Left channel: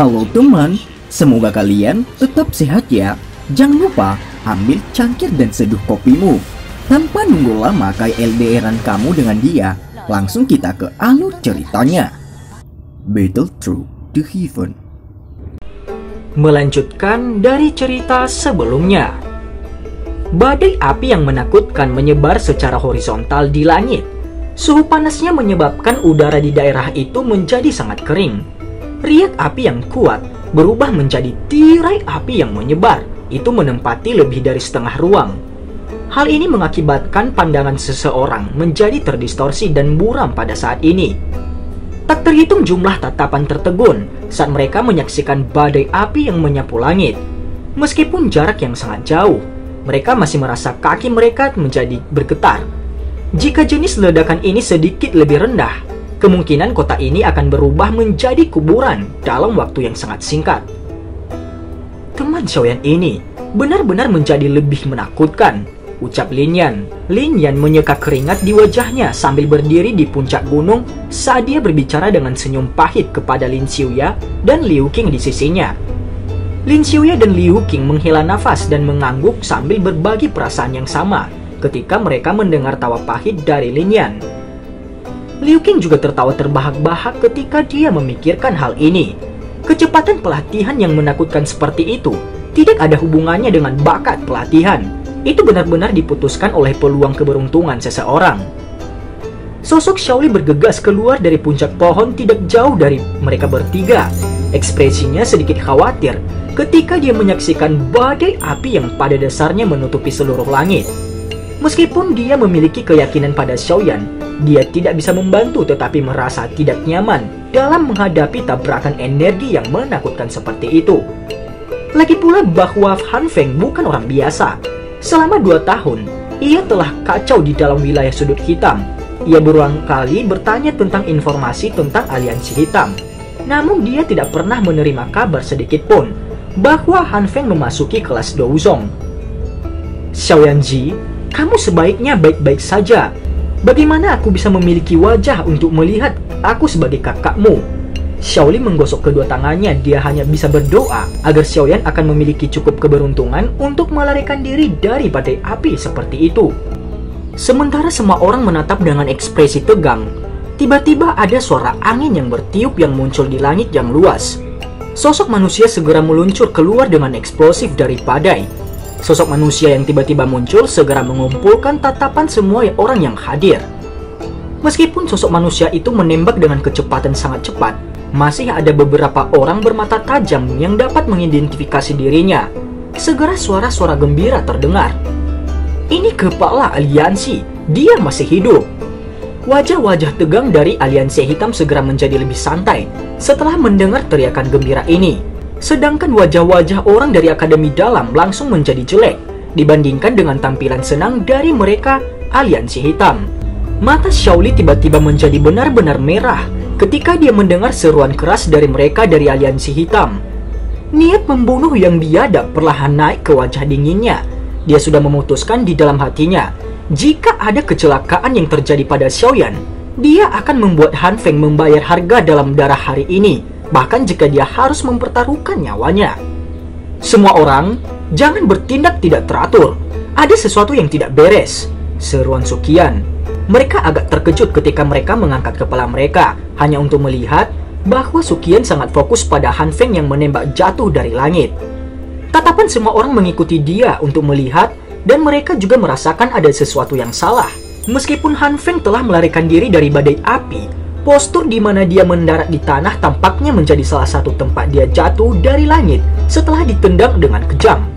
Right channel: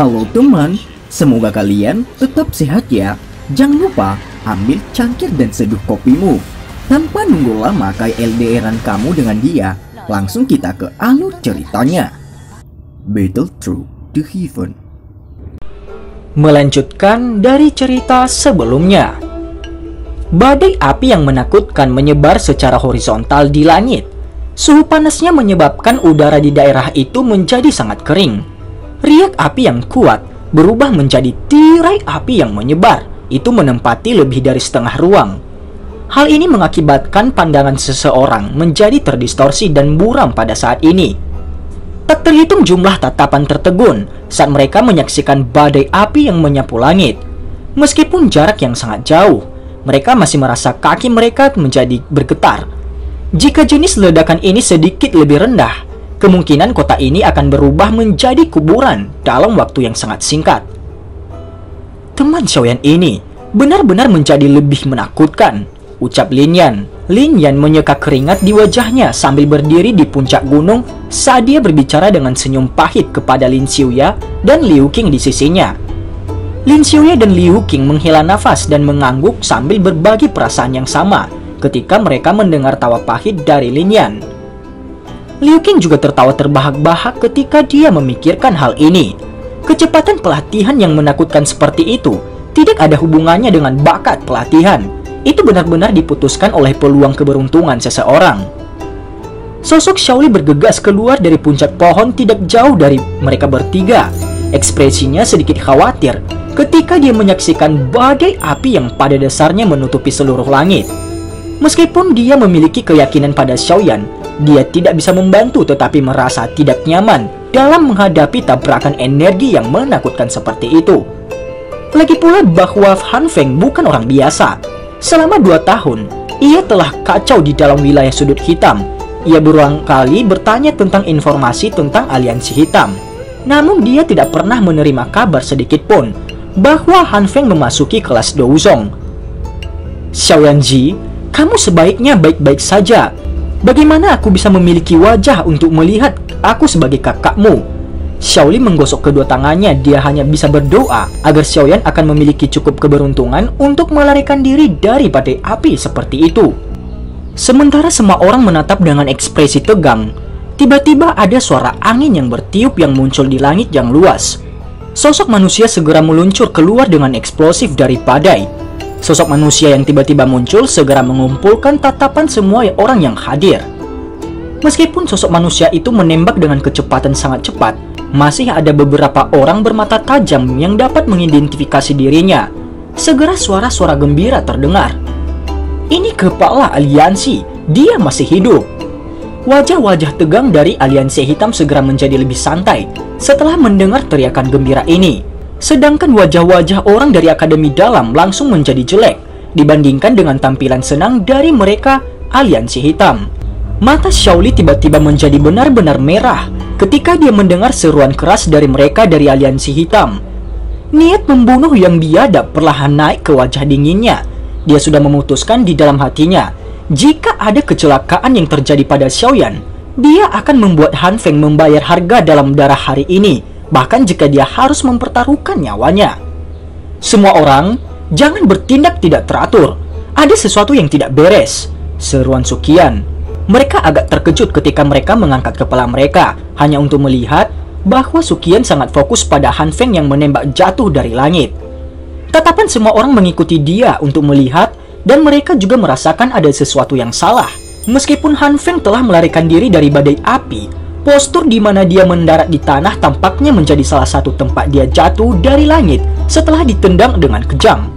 Halo teman, semoga kalian tetap sehat ya. Jangan lupa ambil cangkir dan seduh kopimu. Tanpa nunggu lama kayak LDRan kamu dengan dia, langsung kita ke alur ceritanya. Battle Through the Heaven. Melanjutkan dari cerita sebelumnya. Badai api yang menakutkan menyebar secara horizontal di langit. Suhu panasnya menyebabkan udara di daerah itu menjadi sangat kering. Riak api yang kuat berubah menjadi tirai api yang menyebar. Itu menempati lebih dari setengah ruang. Hal ini mengakibatkan pandangan seseorang menjadi terdistorsi dan buram pada saat ini. Tak terhitung jumlah tatapan tertegun saat mereka menyaksikan badai api yang menyapu langit. Meskipun jarak yang sangat jauh, mereka masih merasa kaki mereka menjadi bergetar. Jika jenis ledakan ini sedikit lebih rendah, kemungkinan kota ini akan berubah menjadi kuburan dalam waktu yang sangat singkat. Teman Xiaoyan ini benar-benar menjadi lebih menakutkan, ucap Lin Yan. Lin Yan menyeka keringat di wajahnya sambil berdiri di puncak gunung saat dia berbicara dengan senyum pahit kepada Lin Xiuya dan Liu Qing di sisinya. Lin Xiuya dan Liu Qing menghela nafas dan mengangguk sambil berbagi perasaan yang sama ketika mereka mendengar tawa pahit dari Lin Yan. Liu Qing juga tertawa terbahak-bahak ketika dia memikirkan hal ini. Kecepatan pelatihan yang menakutkan seperti itu tidak ada hubungannya dengan bakat pelatihan. Itu benar-benar diputuskan oleh peluang keberuntungan seseorang. Sosok Xiaoli bergegas keluar dari puncak pohon tidak jauh dari mereka bertiga. Ekspresinya sedikit khawatir ketika dia menyaksikan badai api yang pada dasarnya menutupi seluruh langit. Meskipun dia memiliki keyakinan pada Xiaoyan, dia tidak bisa membantu tetapi merasa tidak nyaman dalam menghadapi tabrakan energi yang menakutkan seperti itu. Lagi pula bahwa Han Feng bukan orang biasa. Selama 2 tahun, ia telah kacau di dalam wilayah sudut hitam. Ia berulang kali bertanya tentang informasi tentang aliansi hitam. Namun dia tidak pernah menerima kabar sedikit pun bahwa Han Feng memasuki kelas Douzong. Xiaoyan Ji, kamu sebaiknya baik-baik saja. Bagaimana aku bisa memiliki wajah untuk melihat aku sebagai kakakmu? Xiaoli menggosok kedua tangannya. Dia hanya bisa berdoa agar Xiaoyan akan memiliki cukup keberuntungan untuk melarikan diri dari badai api seperti itu. Sementara semua orang menatap dengan ekspresi tegang, tiba-tiba ada suara angin yang bertiup yang muncul di langit yang luas. Sosok manusia segera meluncur keluar dengan eksplosif dari badai. Sosok manusia yang tiba-tiba muncul segera mengumpulkan tatapan semua orang yang hadir. Meskipun sosok manusia itu menembak dengan kecepatan sangat cepat, masih ada beberapa orang bermata tajam yang dapat mengidentifikasi dirinya. Segera suara-suara gembira terdengar. Ini kepala aliansi, dia masih hidup. Wajah-wajah tegang dari aliansi hitam segera menjadi lebih santai setelah mendengar teriakan gembira ini. Sedangkan wajah-wajah orang dari Akademi Dalam langsung menjadi jelek dibandingkan dengan tampilan senang dari mereka aliansi hitam. Mata Xiaoli tiba-tiba menjadi benar-benar merah ketika dia mendengar seruan keras dari mereka dari aliansi hitam. Niat membunuh yang biadab perlahan naik ke wajah dinginnya. Dia sudah memutuskan di dalam hatinya, jika ada kecelakaan yang terjadi pada Xiaoyan, dia akan membuat Han Feng membayar harga dalam darah hari ini, bahkan jika dia harus mempertaruhkan nyawanya. Semua orang, jangan bertindak tidak teratur. Ada sesuatu yang tidak beres, seruan Suqian. Mereka agak terkejut ketika mereka mengangkat kepala mereka, hanya untuk melihat bahwa Suqian sangat fokus pada Han Feng yang menembak jatuh dari langit. Tatapan semua orang mengikuti dia untuk melihat, dan mereka juga merasakan ada sesuatu yang salah. Meskipun Han Feng telah melarikan diri dari badai api, postur di mana dia mendarat di tanah tampaknya menjadi salah satu tempat dia jatuh dari langit setelah ditendang dengan kejam.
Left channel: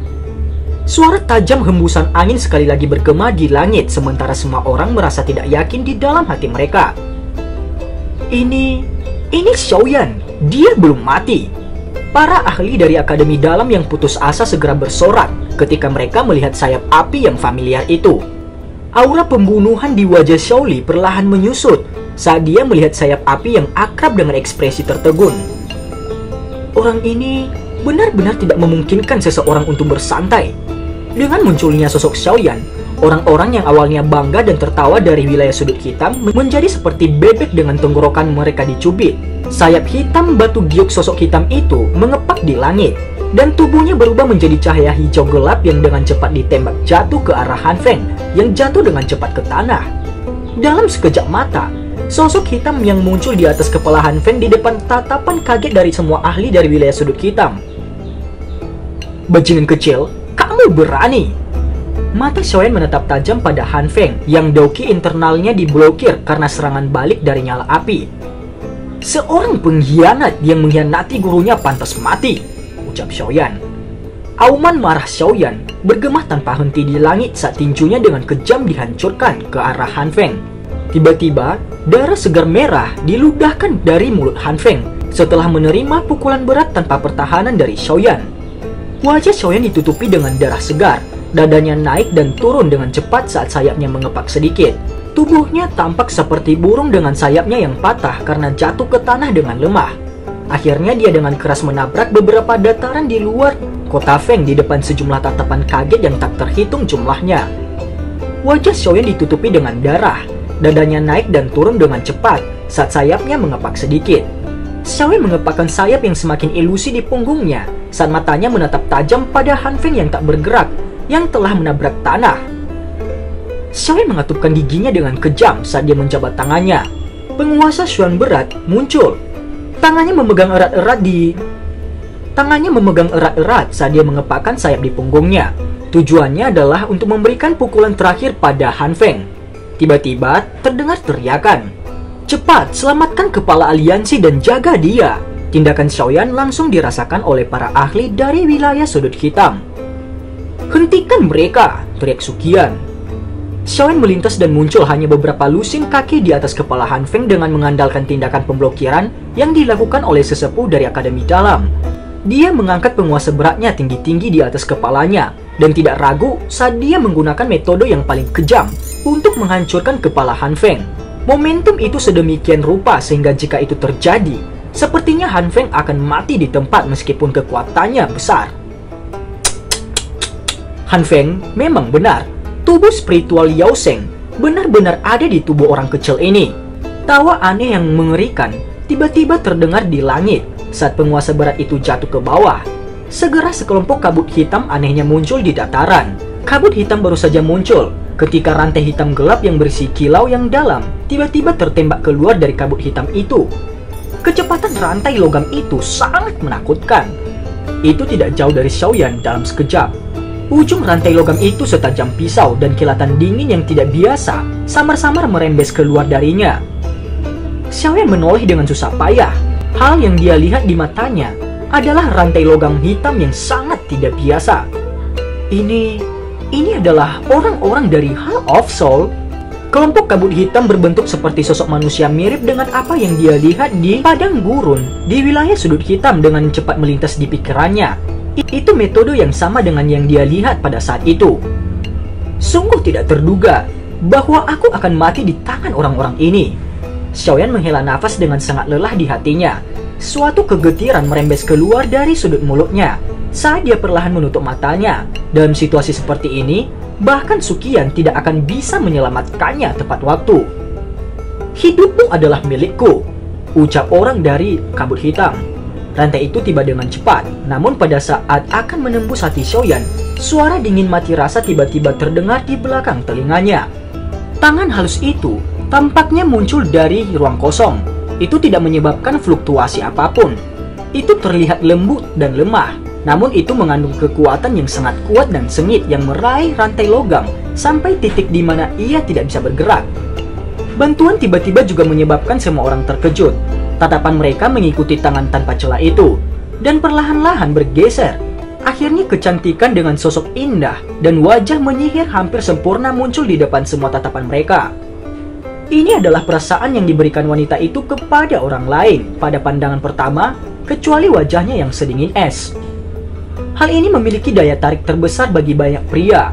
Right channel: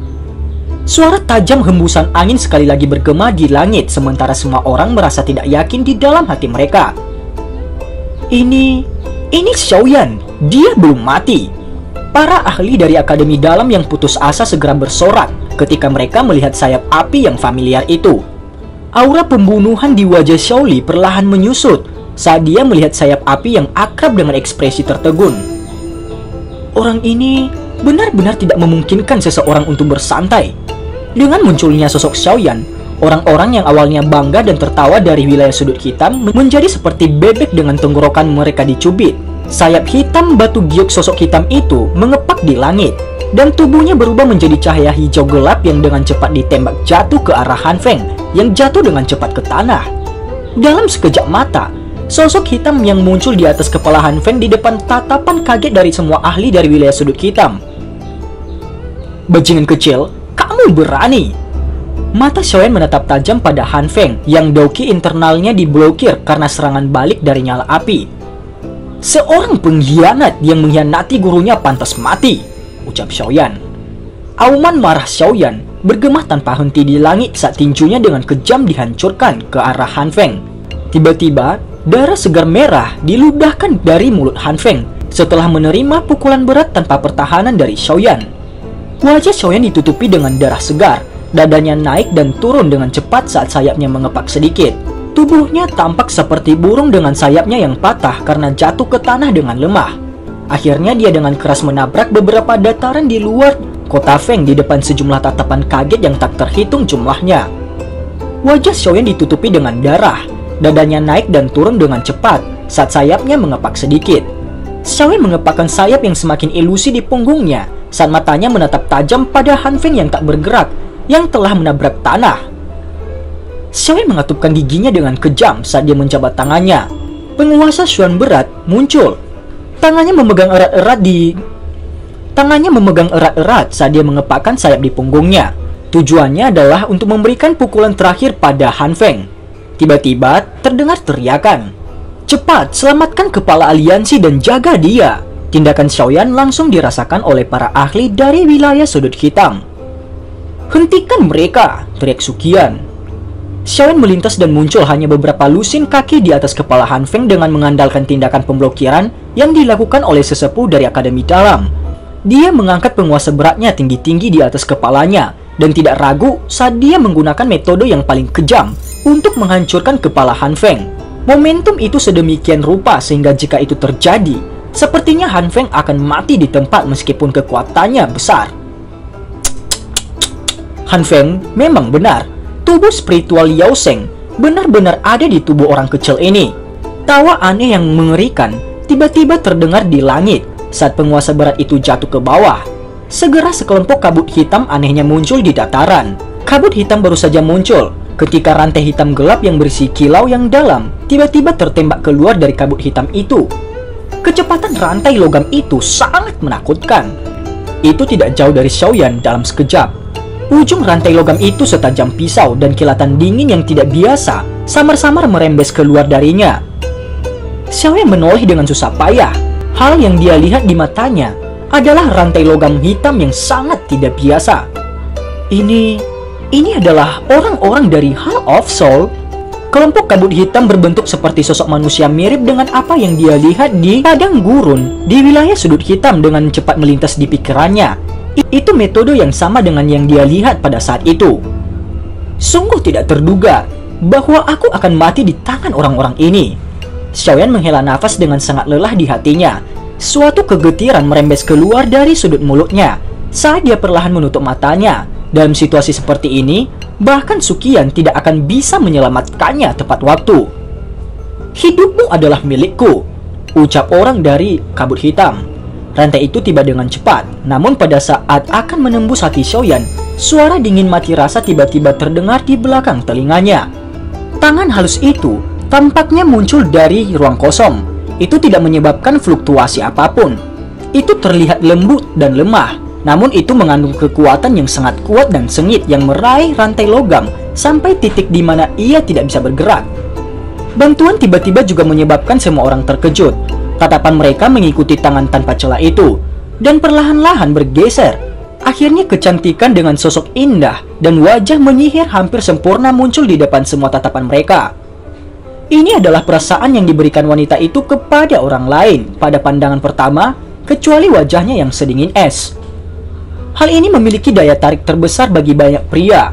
Suara tajam hembusan angin sekali lagi bergema di langit, sementara semua orang merasa tidak yakin di dalam hati mereka. Ini Xiaoyan, dia belum mati. Para ahli dari Akademi Dalam yang putus asa segera bersorak ketika mereka melihat sayap api yang familiar itu. Aura pembunuhan di wajah Xiaoli perlahan menyusut saat dia melihat sayap api yang akrab dengan ekspresi tertegun. Orang ini benar-benar tidak memungkinkan seseorang untuk bersantai. Dengan munculnya sosok Xiaoyan, Orang-orang yang awalnya bangga dan tertawa dari wilayah sudut hitam menjadi seperti bebek dengan tenggorokan mereka dicubit. Sayap hitam batu giok sosok hitam itu mengepak di langit, dan tubuhnya berubah menjadi cahaya hijau gelap yang dengan cepat ditembak jatuh ke arah Han Feng yang jatuh dengan cepat ke tanah. Dalam sekejap mata, sosok hitam yang muncul di atas kepala Han Feng di depan tatapan kaget dari semua ahli dari wilayah sudut hitam. "Bajingan kecil, kamu berani!" Mata Xiaoyan menatap tajam pada Han Feng yang doki internalnya diblokir karena serangan balik dari nyala api. "Seorang pengkhianat yang mengkhianati gurunya pantas mati," ucap Xiaoyan. Auman marah Xiaoyan bergema tanpa henti di langit saat tinjunya dengan kejam dihancurkan ke arah Han Feng. Tiba-tiba, darah segar merah diludahkan dari mulut Han Feng setelah menerima pukulan berat tanpa pertahanan dari Xiaoyan. Wajah Xiaoyan ditutupi dengan darah segar, dadanya naik dan turun dengan cepat saat sayapnya mengepak sedikit. Tubuhnya tampak seperti burung dengan sayapnya yang patah karena jatuh ke tanah dengan lemah. Akhirnya dia dengan keras menabrak beberapa dataran di luar kota Feng di depan sejumlah tatapan kaget yang tak terhitung jumlahnya. Wajah Xiaoyan ditutupi dengan darah, dadanya naik dan turun dengan cepat saat sayapnya mengepak sedikit. Xiaoyan mengepakkan sayap yang semakin ilusi di punggungnya saat matanya menatap tajam pada Han Feng yang tak bergerak, yang telah menabrak tanah. Xiaoyan mengatupkan giginya dengan kejam saat dia menjabat tangannya. Penguasa Xuan berat muncul. Tangannya memegang erat-erat saat dia mengepakkan sayap di punggungnya. Tujuannya adalah untuk memberikan pukulan terakhir pada Han Feng. Tiba-tiba terdengar teriakan, "Cepat, selamatkan kepala aliansi dan jaga dia!" Tindakan Xiaoyan langsung dirasakan oleh para ahli dari wilayah sudut hitam. "Hentikan mereka!" teriak Suqian. Xiaoyan melintas dan muncul hanya beberapa lusin kaki di atas kepala Han Feng dengan mengandalkan tindakan pemblokiran yang dilakukan oleh sesepuh dari Akademi Dalam. Dia mengangkat penguasa beratnya tinggi-tinggi di atas kepalanya dan tidak ragu saat dia menggunakan metode yang paling kejam untuk menghancurkan kepala Han Feng. Momentum itu sedemikian rupa sehingga jika itu terjadi, sepertinya Han Feng akan mati di tempat meskipun kekuatannya besar. Han Feng memang benar. Tubuh spiritual Yao Sheng benar-benar ada di tubuh orang kecil ini. Tawa aneh yang mengerikan tiba-tiba terdengar di langit saat penguasa berat itu jatuh ke bawah. Segera sekelompok kabut hitam anehnya muncul di dataran. Kabut hitam baru saja muncul ketika rantai hitam gelap yang berisi kilau yang dalam tiba-tiba tertembak keluar dari kabut hitam itu. Kecepatan rantai logam itu sangat menakutkan. Itu tidak jauh dari Xiaoyan dalam sekejap. Ujung rantai logam itu setajam pisau dan kilatan dingin yang tidak biasa samar-samar merembes keluar darinya. Xiaoyan menoleh dengan susah payah. Hal yang dia lihat di matanya adalah rantai logam hitam yang sangat tidak biasa. Ini adalah orang-orang dari Hall of Soul. Kelompok kabut hitam berbentuk seperti sosok manusia mirip dengan apa yang dia lihat di padang gurun di wilayah sudut hitam dengan cepat melintas di pikirannya. Itu metode yang sama dengan yang dia lihat pada saat itu. Sungguh tidak terduga bahwa aku akan mati di tangan orang-orang ini. Xiaoyan menghela nafas dengan sangat lelah di hatinya. Suatu kegetiran merembes keluar dari sudut mulutnya saat dia perlahan menutup matanya. Dalam situasi seperti ini, bahkan Suqian tidak akan bisa menyelamatkannya tepat waktu. "Hidupmu adalah milikku," ucap orang dari kabut hitam. Rantai itu tiba dengan cepat, namun pada saat akan menembus hati Xiaoyan, suara dingin mati rasa tiba-tiba terdengar di belakang telinganya. Tangan halus itu tampaknya muncul dari ruang kosong. Itu tidak menyebabkan fluktuasi apapun. Itu terlihat lembut dan lemah, namun itu mengandung kekuatan yang sangat kuat dan sengit yang meraih rantai logam sampai titik di mana ia tidak bisa bergerak. Bantuan tiba-tiba juga menyebabkan semua orang terkejut. Tatapan mereka mengikuti tangan tanpa celah itu, dan perlahan-lahan bergeser. Akhirnya kecantikan dengan sosok indah dan wajah menyihir hampir sempurna muncul di depan semua tatapan mereka. Ini adalah perasaan yang diberikan wanita itu kepada orang lain pada pandangan pertama, kecuali wajahnya yang sedingin es. Hal ini memiliki daya tarik terbesar bagi banyak pria.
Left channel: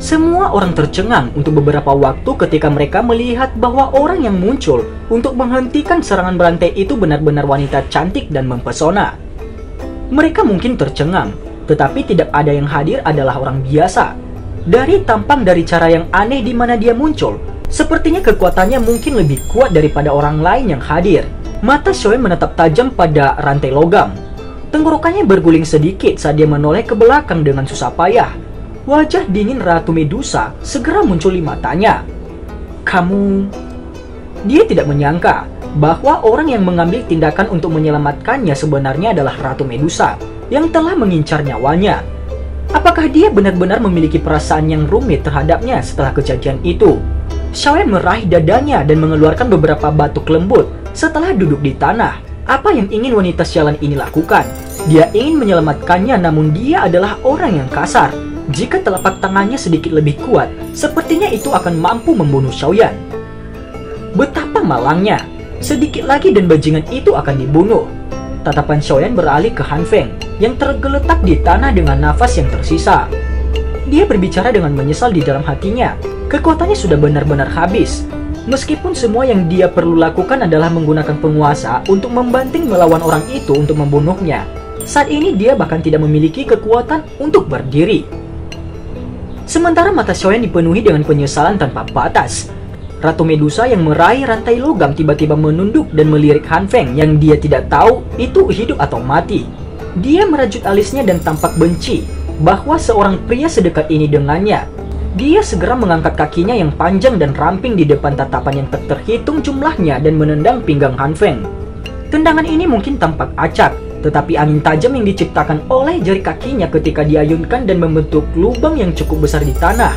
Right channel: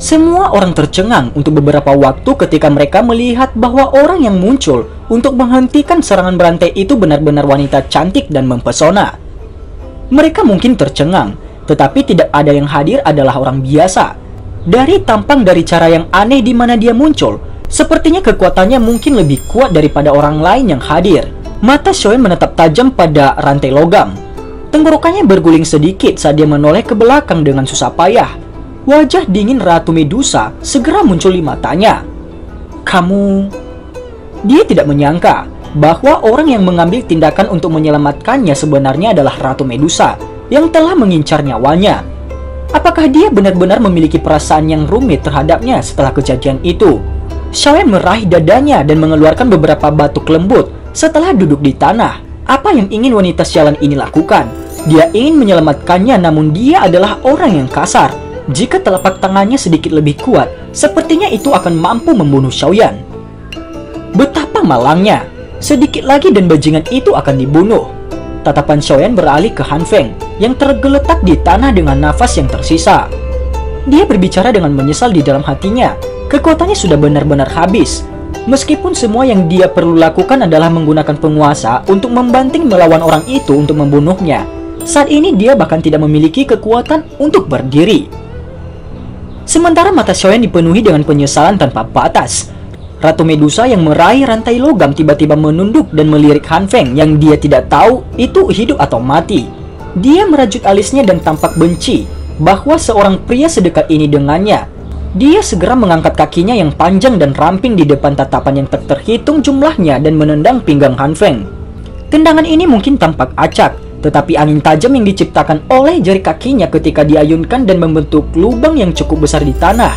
Semua orang tercengang untuk beberapa waktu ketika mereka melihat bahwa orang yang muncul untuk menghentikan serangan rantai itu benar-benar wanita cantik dan mempesona. Mereka mungkin tercengang, tetapi tidak ada yang hadir adalah orang biasa. Dari tampang dari cara yang aneh di mana dia muncul, sepertinya kekuatannya mungkin lebih kuat daripada orang lain yang hadir. Mata Xiaoyan menatap tajam pada rantai logam. Tenggorokannya berguling sedikit saat dia menoleh ke belakang dengan susah payah. Wajah dingin Ratu Medusa segera muncul di matanya. Kamu... Dia tidak menyangka bahwa orang yang mengambil tindakan untuk menyelamatkannya sebenarnya adalah Ratu Medusa yang telah mengincar nyawanya. Apakah dia benar-benar memiliki perasaan yang rumit terhadapnya setelah kejadian itu? Xiaoyan meraih dadanya dan mengeluarkan beberapa batuk lembut setelah duduk di tanah. Apa yang ingin wanita sialan ini lakukan? Dia ingin menyelamatkannya, namun dia adalah orang yang kasar. Jika telapak tangannya sedikit lebih kuat, sepertinya itu akan mampu membunuh Xiaoyan. Betapa malangnya, sedikit lagi dan bajingan itu akan dibunuh. Tatapan Xiaoyan beralih ke Han Feng yang tergeletak di tanah dengan nafas yang tersisa. Dia berbicara dengan menyesal di dalam hatinya. Kekuatannya sudah benar-benar habis. Meskipun semua yang dia perlu lakukan adalah menggunakan penguasa untuk membanting melawan orang itu untuk membunuhnya, saat ini dia bahkan tidak memiliki kekuatan untuk berdiri. Sementara mata Xiaoyan dipenuhi dengan penyesalan tanpa batas. Ratu Medusa yang meraih rantai logam tiba-tiba menunduk dan melirik Han Feng yang dia tidak tahu itu hidup atau mati. Dia merajut alisnya dan tampak benci bahwa seorang pria sedekat ini dengannya. Dia segera mengangkat kakinya yang panjang dan ramping di depan tatapan yang tak terhitung jumlahnya dan menendang pinggang Han Feng. Tendangan ini mungkin tampak acak, tetapi angin tajam yang diciptakan oleh jari kakinya ketika diayunkan dan membentuk lubang yang cukup besar di tanah.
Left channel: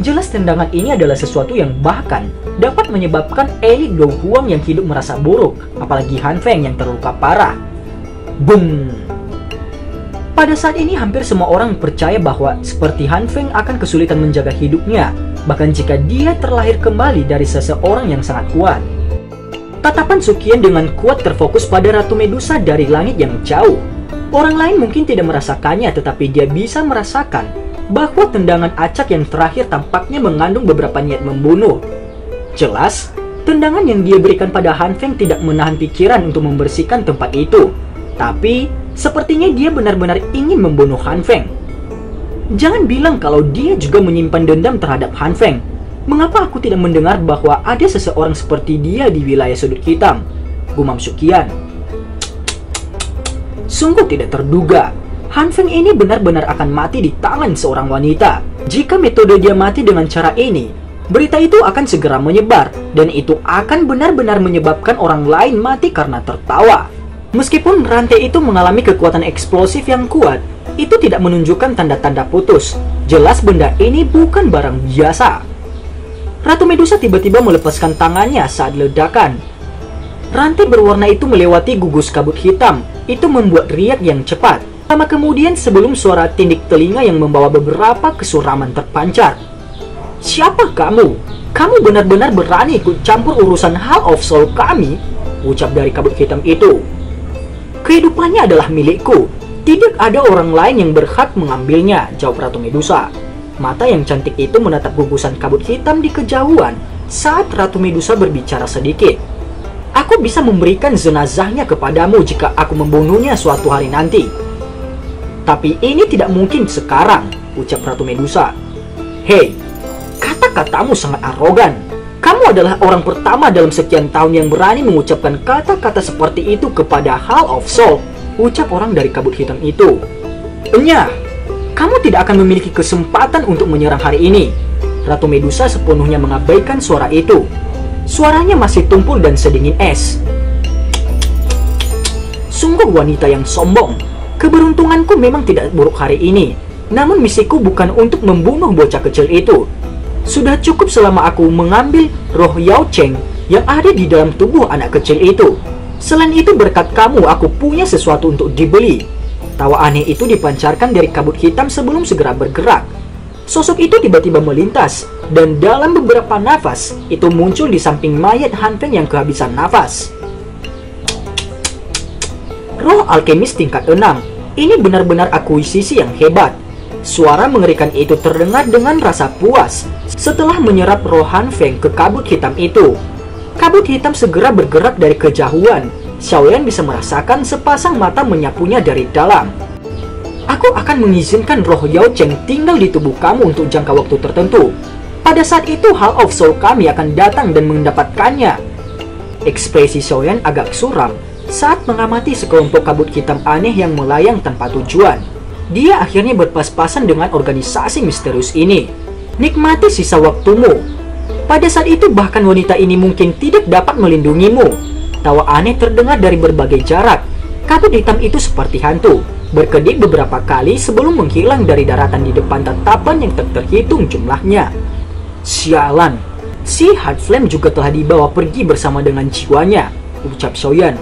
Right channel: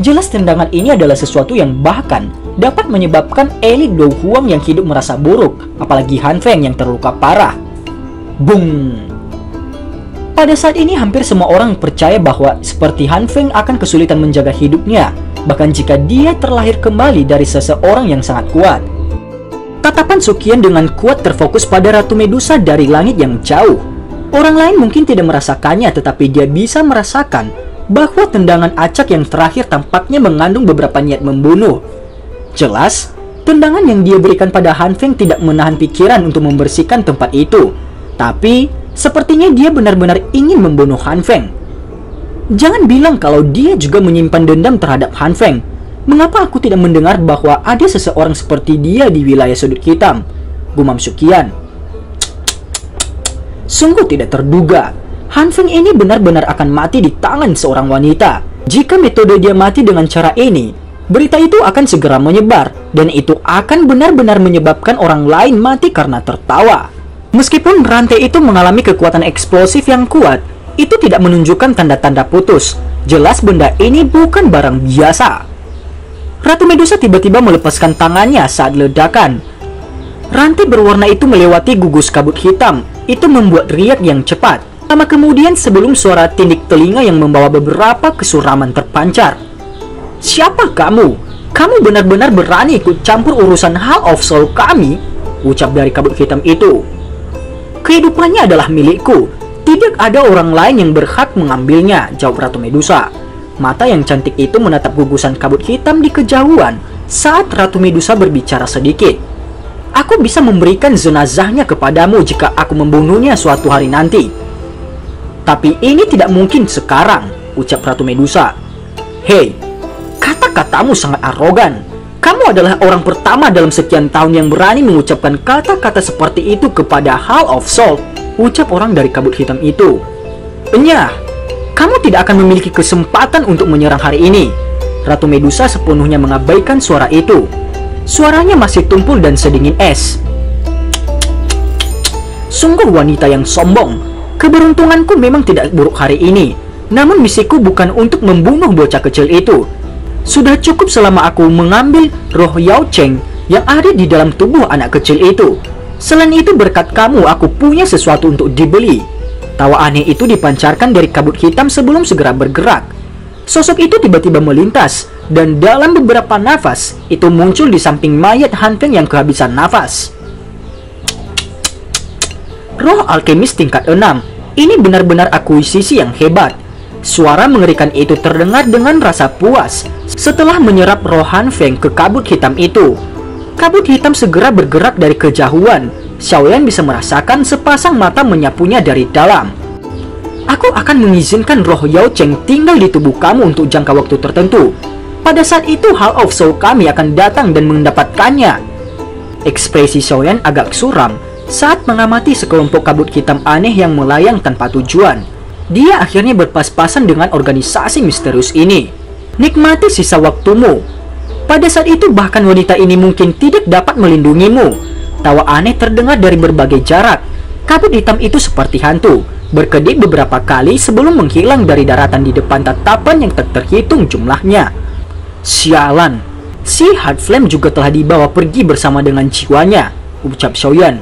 Jelas tendangan ini adalah sesuatu yang bahkan dapat menyebabkan elit Dou Huang yang hidup merasa buruk, apalagi Han Feng yang terluka parah. Bung! Pada saat ini hampir semua orang percaya bahwa seperti Han Feng akan kesulitan menjaga hidupnya, bahkan jika dia terlahir kembali dari seseorang yang sangat kuat. Tatapan Suqian dengan kuat terfokus pada Ratu Medusa dari langit yang jauh. Orang lain mungkin tidak merasakannya, tetapi dia bisa merasakan bahwa tendangan acak yang terakhir tampaknya mengandung beberapa niat membunuh. Jelas, tendangan yang dia berikan pada Han Feng tidak menahan pikiran untuk membersihkan tempat itu. Tapi, sepertinya dia benar-benar ingin membunuh Han Feng. Jangan bilang kalau dia juga menyimpan dendam terhadap Han Feng. Mengapa aku tidak mendengar bahwa ada seseorang seperti dia di wilayah sudut hitam? Gumam Suqian. Sungguh tidak terduga. Han Feng ini benar-benar akan mati di tangan seorang wanita. Jika metode dia mati dengan cara ini, berita itu akan segera menyebar, dan itu akan benar-benar menyebabkan orang lain mati karena tertawa. Meskipun rantai itu mengalami kekuatan eksplosif yang kuat, itu tidak menunjukkan tanda-tanda putus. Jelas benda ini bukan barang biasa. Ratu Medusa tiba-tiba melepaskan tangannya saat ledakan. Rantai berwarna itu melewati gugus kabut hitam. Itu membuat riak yang cepat. Lama kemudian sebelum suara tindik telinga yang membawa beberapa kesuraman terpancar. Siapa kamu? Kamu benar-benar berani ikut campur urusan Hall of Soul kami? Ucap dari kabut hitam itu. Kehidupannya adalah milikku. Tidak ada orang lain yang berhak mengambilnya, jawab Ratu Medusa. Mata yang cantik itu menatap gugusan kabut hitam di kejauhan saat Ratu Medusa berbicara sedikit. Aku bisa memberikan jenazahnya kepadamu jika aku membunuhnya suatu hari nanti. Tapi ini tidak mungkin sekarang, ucap Ratu Medusa. Hei, kata-katamu sangat arogan. Kamu adalah orang pertama dalam sekian tahun yang berani mengucapkan kata-kata seperti itu kepada Hall of Soul, ucap orang dari kabut hitam itu. Enyah, kamu tidak akan memiliki kesempatan untuk menyerang hari ini. Ratu Medusa sepenuhnya mengabaikan suara itu. Suaranya masih tumpul dan sedingin es. Sungguh wanita yang sombong. Keberuntunganku memang tidak buruk hari ini. Namun misiku bukan untuk membunuh bocah kecil itu. Sudah cukup selama aku mengambil roh Yao Cheng yang ada di dalam tubuh anak kecil itu. Selain itu berkat kamu aku punya sesuatu untuk dibeli. Tawa aneh itu dipancarkan dari kabut hitam sebelum segera bergerak. Sosok itu tiba-tiba melintas, dan dalam beberapa nafas, itu muncul di samping mayat Han Feng yang kehabisan nafas. Roh alkemis tingkat 6, ini benar-benar akuisisi yang hebat. Suara mengerikan itu terdengar dengan rasa puas setelah menyerap roh Han Feng ke kabut hitam itu. Kabut hitam segera bergerak dari kejauhan. Xiaoyan bisa merasakan sepasang mata menyapunya dari dalam. Aku akan mengizinkan roh Yao Cheng tinggal di tubuh kamu untuk jangka waktu tertentu. Pada saat itu Hall of Soul kami akan datang dan mendapatkannya. Ekspresi Xiaoyan agak suram saat mengamati sekelompok kabut hitam aneh yang melayang tanpa tujuan. Dia akhirnya berpas-pasan dengan organisasi misterius ini. Nikmati sisa waktumu. Pada saat itu bahkan wanita ini mungkin tidak dapat melindungimu. Tawa aneh terdengar dari berbagai jarak. Kabut hitam itu seperti hantu, berkedip beberapa kali sebelum menghilang dari daratan di depan tatapan yang tak terhitung jumlahnya. Sialan, si Heart Flame juga telah dibawa pergi bersama dengan jiwanya, ucap Xiaoyan.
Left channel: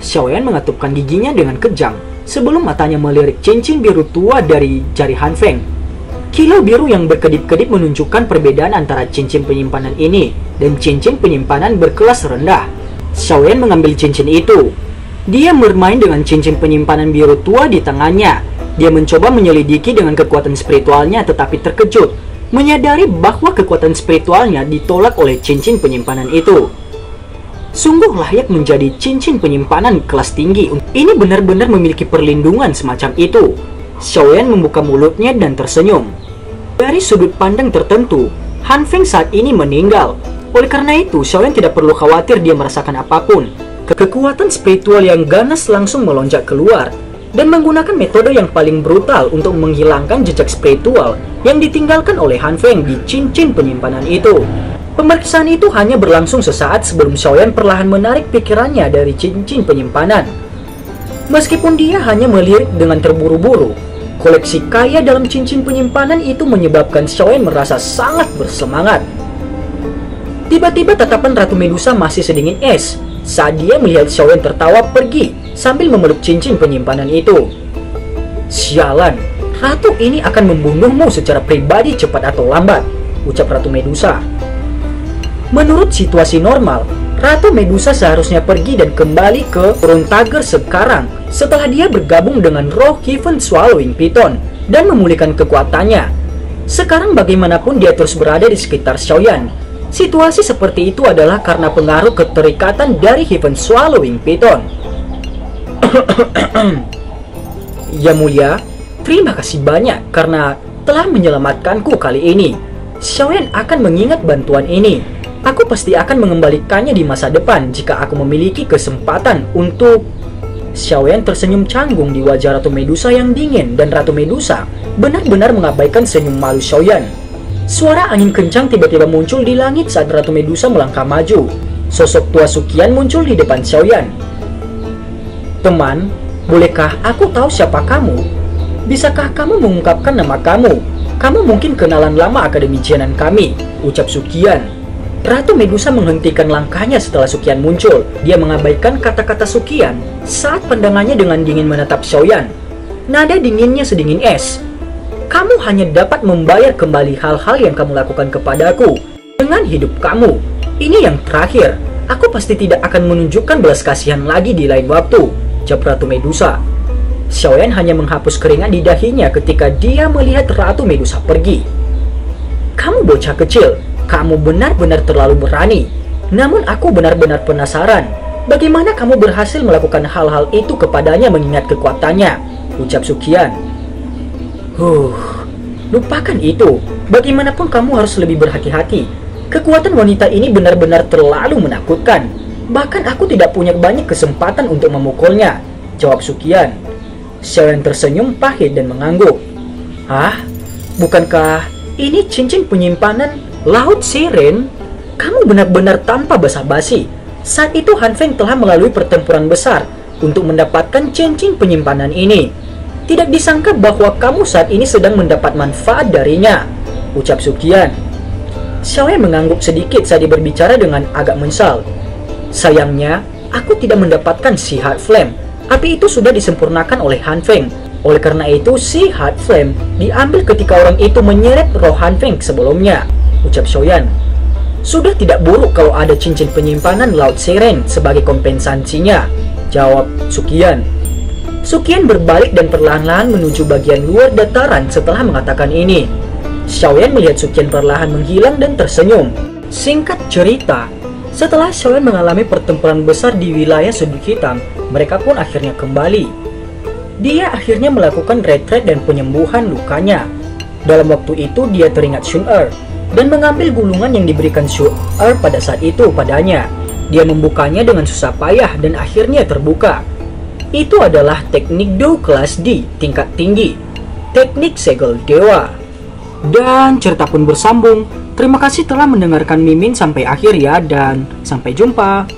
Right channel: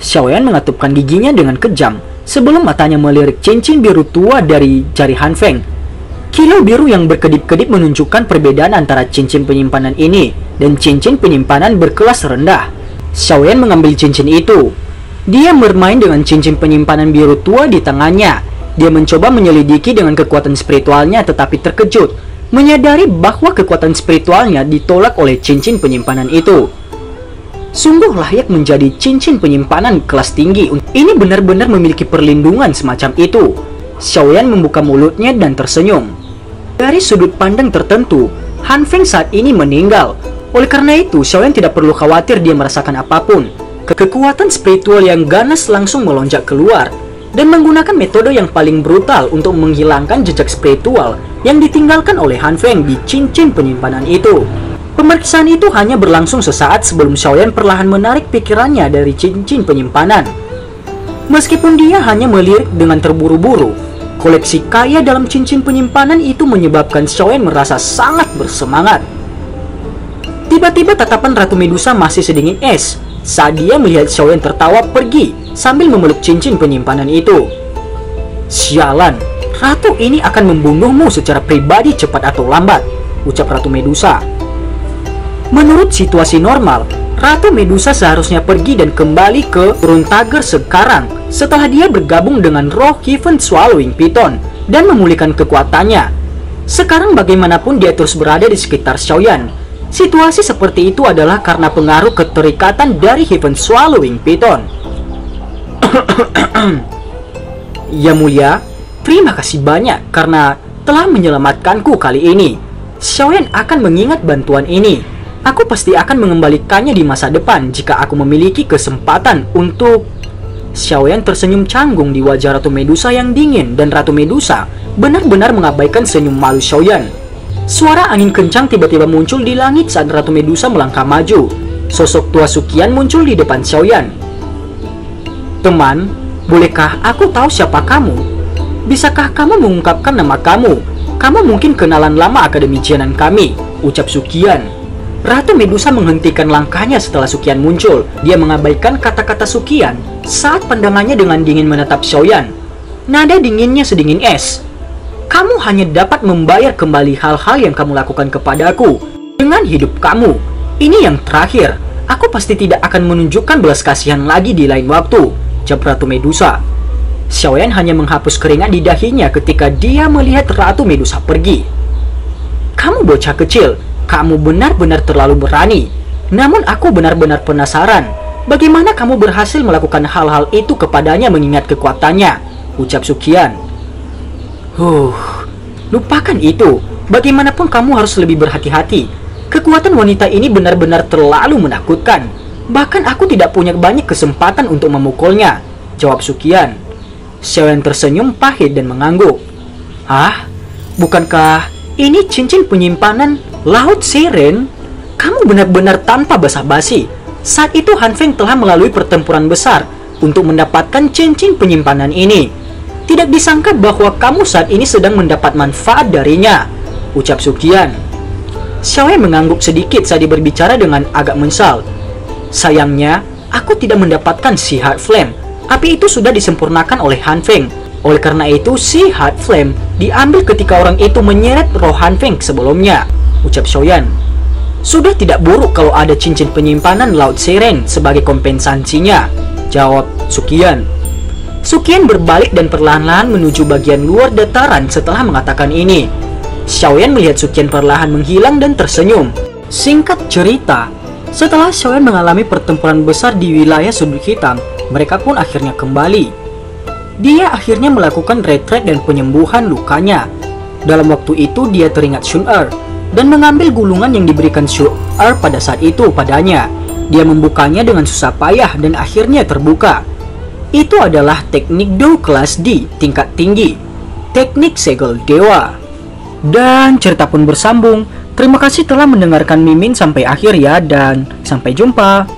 Xiaoyan mengatupkan giginya dengan kejam sebelum matanya melirik cincin biru tua dari jari Han Feng. Kilau biru yang berkedip-kedip menunjukkan perbedaan antara cincin penyimpanan ini dan cincin penyimpanan berkelas rendah. Xiaoyan mengambil cincin itu. Dia bermain dengan cincin penyimpanan biru tua di tangannya. Dia mencoba menyelidiki dengan kekuatan spiritualnya tetapi terkejut menyadari bahwa kekuatan spiritualnya ditolak oleh cincin penyimpanan itu. Sungguh layak menjadi cincin penyimpanan kelas tinggi. Ini benar-benar memiliki perlindungan semacam itu. Xiaoyan membuka mulutnya dan tersenyum. Dari sudut pandang tertentu, Han Feng saat ini meninggal. Oleh karena itu, Xiaoyan tidak perlu khawatir dia merasakan apapun. Kekuatan spiritual yang ganas langsung melonjak keluar dan menggunakan metode yang paling brutal untuk menghilangkan jejak spiritual yang ditinggalkan oleh Han Feng di cincin penyimpanan itu. Pemeriksaan itu hanya berlangsung sesaat sebelum Xiaoyan perlahan menarik pikirannya dari cincin penyimpanan. Meskipun dia hanya melirik dengan terburu-buru, koleksi kaya dalam cincin penyimpanan itu menyebabkan Xiaoyan merasa sangat bersemangat. Tiba-tiba tatapan Ratu Medusa masih sedingin es saat dia melihat Xiaoyan tertawa pergi sambil memeluk cincin penyimpanan itu. Sialan, ratu ini akan membunuhmu secara pribadi cepat atau lambat, ucap Ratu Medusa. Menurut situasi normal, Ratu Medusa seharusnya pergi dan kembali ke Turun Tager sekarang setelah dia bergabung dengan roh Heaven Swallowing Python dan memulihkan kekuatannya. Sekarang bagaimanapun dia terus berada di sekitar Xiaoyan. Situasi seperti itu adalah karena pengaruh keterikatan dari Heaven Swallowing Python. Ya mulia, terima kasih banyak karena telah menyelamatkanku kali ini. Xiaoyan akan mengingat bantuan ini. Aku pasti akan mengembalikannya di masa depan jika aku memiliki kesempatan untuk... Xiaoyan tersenyum canggung di wajah Ratu Medusa yang dingin dan Ratu Medusa benar-benar mengabaikan senyum malu Xiaoyan. Suara angin kencang tiba-tiba muncul di langit saat Ratu Medusa melangkah maju. Sosok tua Sukian muncul di depan Xiaoyan. Teman, bolehkah aku tahu siapa kamu? Bisakah kamu mengungkapkan nama kamu? Kamu mungkin kenalan lama Akademi Jianan kami, ucap Sukian. Ratu Medusa menghentikan langkahnya setelah Sukian muncul. Dia mengabaikan kata-kata Sukian saat pandangannya dengan dingin menatap Xiaoyan. Nada dinginnya sedingin es. Kamu hanya dapat membayar kembali hal-hal yang kamu lakukan kepadaku dengan hidup kamu. Ini yang terakhir. Aku pasti tidak akan menunjukkan belas kasihan lagi di lain waktu, jawab Ratu Medusa. Xiaoyan hanya menghapus keringat di dahinya ketika dia melihat Ratu Medusa pergi. Kamu bocah kecil. Kamu benar-benar terlalu berani. Namun aku benar-benar penasaran. Bagaimana kamu berhasil melakukan hal-hal itu kepadanya mengingat kekuatannya, ucap Sukian. Lupakan itu. Bagaimanapun kamu harus lebih berhati-hati. Kekuatan wanita ini benar-benar terlalu menakutkan. Bahkan aku tidak punya banyak kesempatan untuk memukulnya, jawab Sukian. Xiaoyan tersenyum pahit dan mengangguk. Bukankah ini cincin penyimpanan Laut Siren? Kamu benar-benar tanpa basa-basi. Saat itu Han Feng telah melalui pertempuran besar untuk mendapatkan cincin penyimpanan ini. Tidak disangka bahwa kamu saat ini sedang mendapat manfaat darinya, ucap Sukian. Xiaoyan mengangguk sedikit saat dia berbicara dengan agak menyesal. Sayangnya, aku tidak mendapatkan si Heart Flame. Api itu sudah disempurnakan oleh Han Feng. Oleh karena itu, si Heart Flame diambil ketika orang itu menyeret roh Han Feng sebelumnya, ucap Xiaoyan. Sudah tidak buruk kalau ada cincin penyimpanan Laut Siren sebagai kompensasinya, jawab Sukian. Suqian berbalik dan perlahan-lahan menuju bagian luar dataran setelah mengatakan ini. Xiaoyan melihat Suqian perlahan menghilang dan tersenyum. Singkat cerita, setelah Xiaoyan mengalami pertempuran besar di wilayah Sudut Hitam, mereka pun akhirnya kembali. Dia akhirnya melakukan retret dan penyembuhan lukanya. Dalam waktu itu dia teringat Shun-Er dan mengambil gulungan yang diberikan Shun-Er pada saat itu padanya. Dia membukanya dengan susah payah dan akhirnya terbuka. Itu adalah teknik Do kelas D tingkat tinggi, teknik segel dewa. Dan cerita pun bersambung. Terima kasih telah mendengarkan Mimin sampai akhir ya, dan sampai jumpa.